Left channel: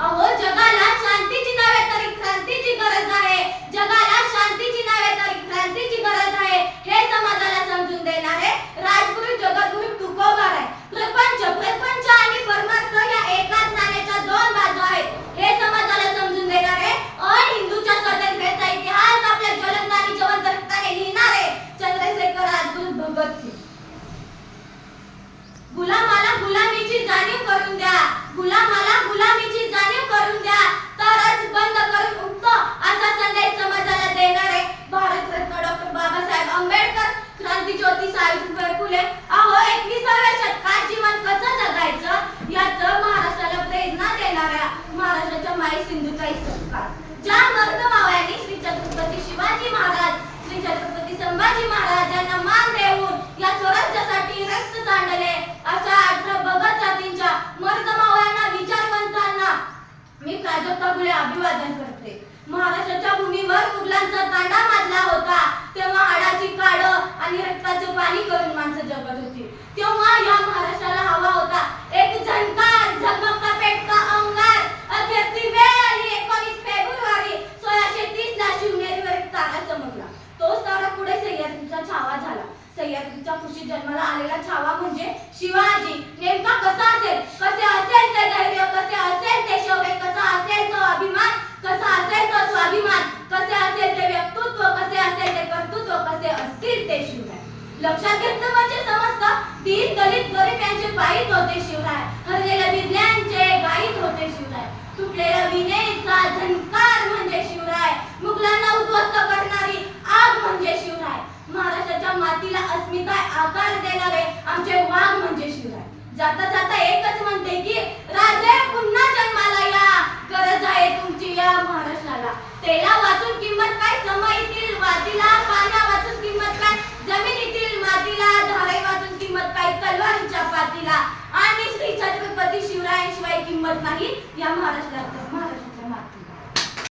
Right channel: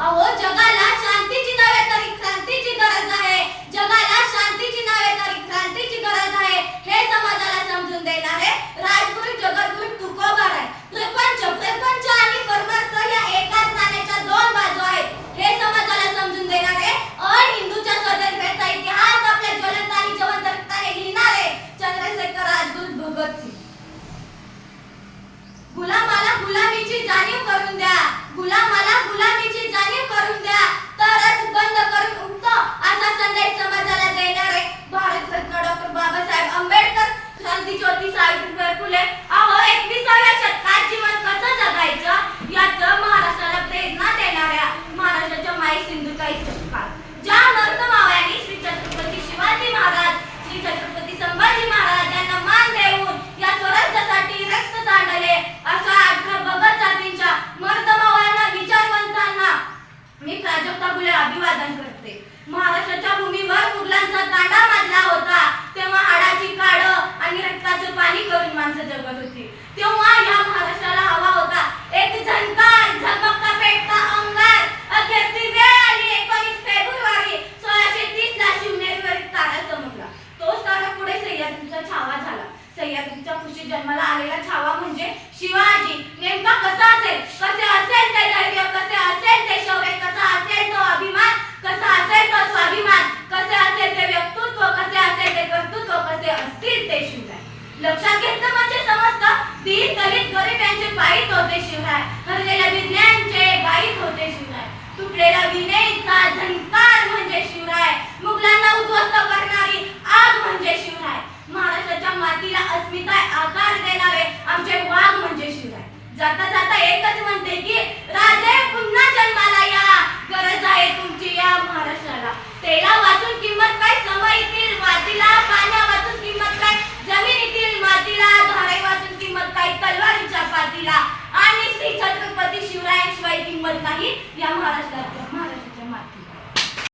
अहो जगाला शांतीची नव्हे तर क्रांतीची गरज आहे. जगाला शांतीची नव्हे तर क्रांतीची गरज आहे. हे समाजाला समजून देणार आहे राजगुरू जगद्गुरू मी प्राजक्ता फुले अभिवादन करते. महाराष्ट्राच्या भूमीवर मुघलांचा तांडा माजला होता. तेव्हा हाडाची काड आणि रक्ताचे पाणी करून माणसं जगत होती. तेव्हा या महाराष्ट्राला हवा होता. एक झणकार झगमगता पेटता अंगार. अखेर ती वेळ आली. एकोणीस फेब्रुवारी सोळाशे तीस ला शिवनेरीवर तारा चमकला. तोच तारा पुढे सह्याद्रीचा छावा झाला. सह्याद्रीच्या खुशी जन्माला आलेला छावा म्हणजे शिवाजी. नेमका कसा असेल? कसे असेल? ते धैर्य कसे असेल ते शौर्य कसा असेल तो अभिमान कसा असेल तो स्वाभिमान कसे असेल ते व्यक्तित्व कसे असेल ते कर्तृत्व कसे असतील ते शिवराय लक्षात घेतलं म्हणजे समजतं दीन दलित गरीब यांचे पायीत होते शिवराय. हरलेल्या विज्ञानचे गाईत होते शिवराय. तुटलेला विनयचा झंकार म्हणजे शिवराय. मुघलांना उद्ध्वस्त करणारी आग म्हणजे शिवराय. महाराष्ट्राच्या मातीला अस्मिता आकार देणारे आमचे वाघ म्हणजे शिवराय. जाता जाता एकच म्हणते की राजे पुन्हा जन्म